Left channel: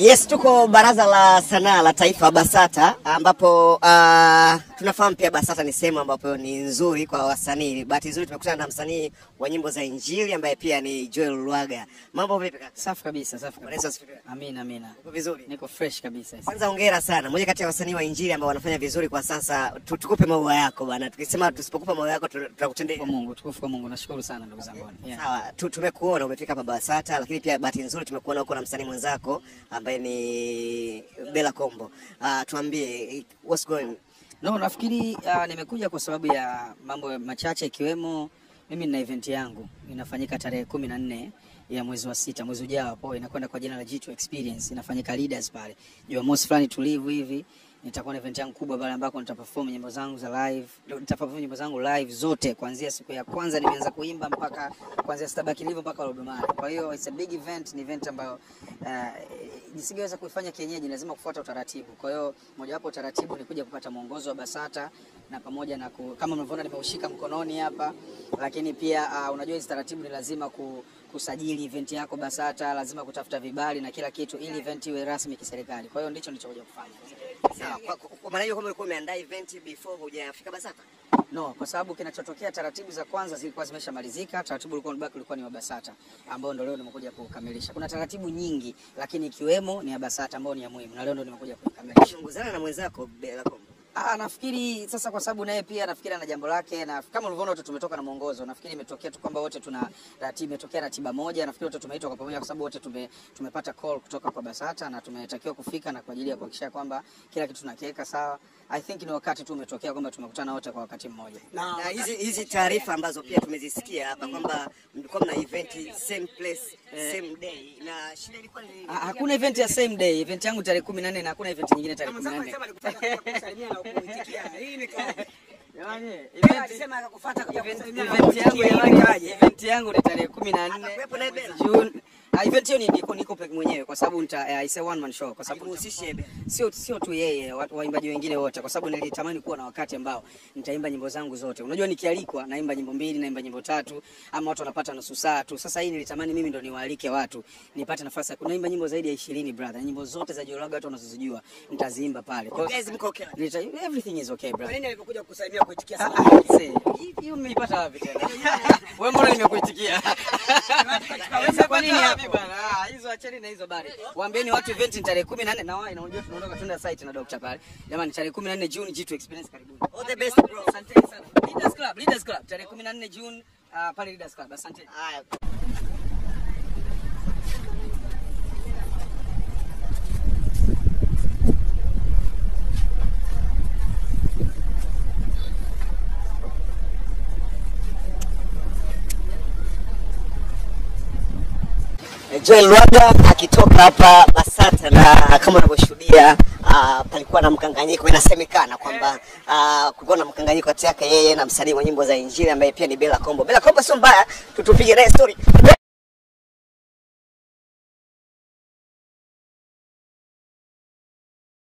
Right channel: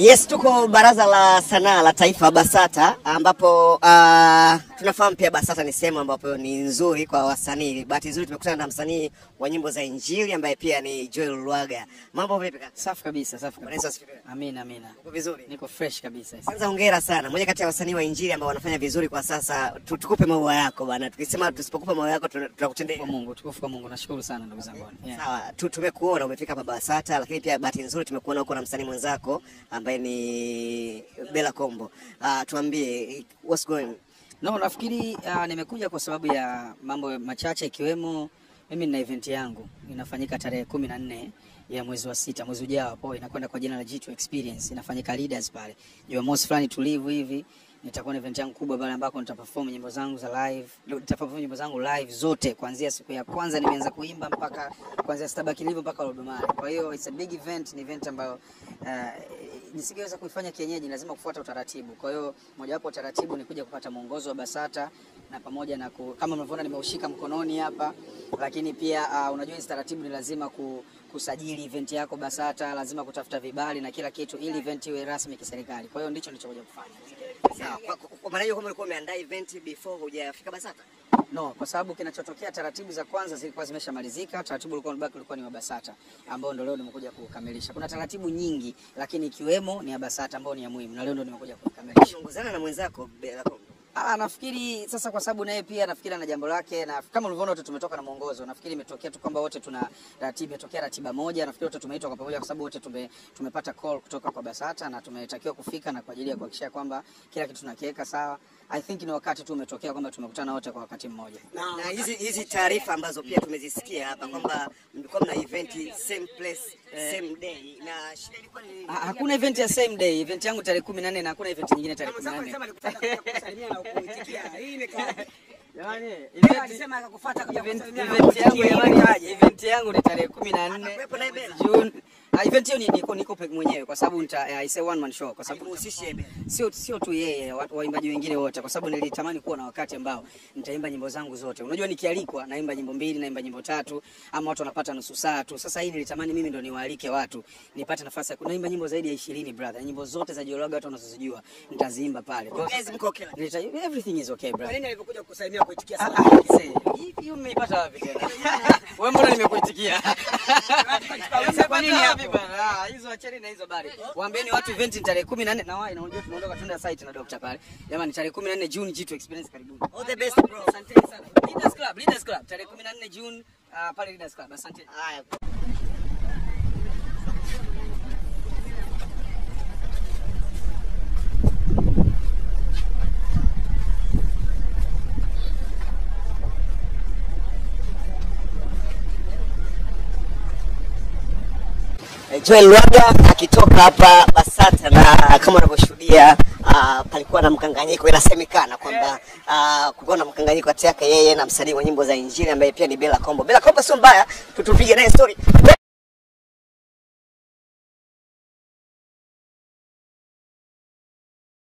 Yes, tuko Baraza la Sanaa la Taifa BASATA ambapo tunafahamu pia BASATA ni sehemu ambapo ni nzuri kwa wasanii. Bahati nzuri tumekutana na msanii wa nyimbo za Injili ambaye pia ni Joel Lwaga. Mambo vipi kaka? Safi kabisa, safi kabisa. Amina. Uko vizuri? Niko fresh kabisa. Kwanza hongera sana. Mmoja kati ya wasanii wa Injili ambao wanafanya vizuri kwa sasa. Tukupe maua yako bwana. Tukisema tusipokupa maua yako tutakutendea. Kwa Mungu, tukufu kwa Mungu. Nashukuru sana ndugu zangu. Sawa, tumekuona umefika hapa BASATA, lakini pia bahati nzuri tumekuona huko na msanii mwenzako ambaye ni Bella Kombo. Tuambie what's going? No, nafikiri nimekuja kwa sababu ya mambo machache ikiwemo mimi nina event yangu inafanyika tarehe 14 ya mwezi wa 6 mwezi ujao hapo, inakwenda kwa jina la G2 Experience, inafanyika Leaders pale. Jumamosi fulani tulivu hivi nitakuwa na event yangu kubwa pale ambako nitaperform nyimbo zangu za live. Nitaperform nyimbo zangu live zote kuanzia siku ya kwanza nimeanza kuimba mpaka kuanzia Stabaki Live mpaka Lodumare. Kwa hiyo it's a big event, ni event ambayo nisingeweza kuifanya kienyeji, lazima kufuata utaratibu. Kwa hiyo moja wapo utaratibu ni kuja kupata mwongozo wa BASATA na pamoja na kama mnavyoona nimeushika mkononi hapa, lakini pia unajua hizo taratibu ni lazima kusajili event yako BASATA, lazima kutafuta vibali na kila kitu ili event iwe rasmi kiserikali. Kwa hiyo ndicho nilichokuja kufanya. Sawa, kwa maana hiyo kama ulikuwa umeandaa event before hujafika BASATA? No, kwa sababu kinachotokea taratibu za kwanza zilikuwa zimeshamalizika, taratibu ulikuwa ni wa BASATA ambao ndio leo nimekuja kukamilisha. Kuna taratibu nyingi lakini ikiwemo ni ya BASATA ambao ni ya muhimu na leo ndio nimekuja kukamilisha. Ungozana na mwenzako Bella Kombo. Nafikiri sasa kwa sababu naye pia nafikiri ana jambo lake, na kama ulivyoona wote tumetoka na mwongozo. Nafikiri imetokea tu kwamba wote tuna ratiba, imetokea ratiba moja. Nafikiri wote tumeitwa kwa pamoja kwa sababu wote tumepata call kutoka kwa BASATA na tumetakiwa kufika na kwa ajili ya kuhakikisha kwamba kila kitu tunakiweka sawa. I think ni wakati tu umetokea kwamba tumekutana wote kwa wakati mmoja. Na hizi taarifa ambazo pia tumezisikia hapa kwamba mlikuwa mna event same place same day, na shida ilikuwa ni hakuna event ya same day. Event yangu tarehe 14 na hakuna event nyingine tarehe 14. Hii ni kwa jamani, alisema akakufuata kwa event yangu ni tarehe 14 June. Event hiyo niko peke mwenyewe kwa sababu I say one man show, kwa sababu sio tu yeye, waimbaji wengine wote, kwa sababu nilitamani kuwa na wakati ambao nitaimba nyimbo zangu zote. Unajua nikialikwa naimba nyimbo 2, naimba nyimbo 3 ama watu wanapata nusu saa tu. Sasa hii nilitamani mimi ndo niwaalike watu, nipate nafasi ya kuimba nyimbo zaidi ya 20 brother. Nyimbo zote za Joel Lwaga watu wanazozijua nitaziimba pale. Kwa hiyo okay. Everything is okay brother. Nani alipokuja kusalimia kuitikia sana? Hiyo umeipata wapi tena? Wewe mbona nimekuitikia? Kwa nini hapa bwana? Hizo acheni na hizo bari. Waambieni watu event ni tarehe 14 na wao unajua tunaondoka tunaenda site na Dr. pale. Jamani tarehe 14 June G2 Experience karibuni. All the best bro. Asante sana. Leaders Club tarehe 14 June pale Leaders Club. Asante. Haya. Joel Lwaga akitoka hapa BASATA, na kama unavyoshuhudia palikuwa na mkanganyiko. Inasemekana kwamba kulikuwa na mkanganyiko kati yake yeye na msanii wa nyimbo za Injili ambaye pia ni Bella Kombo. Bella Kombo sio mbaya, tutupige naye story.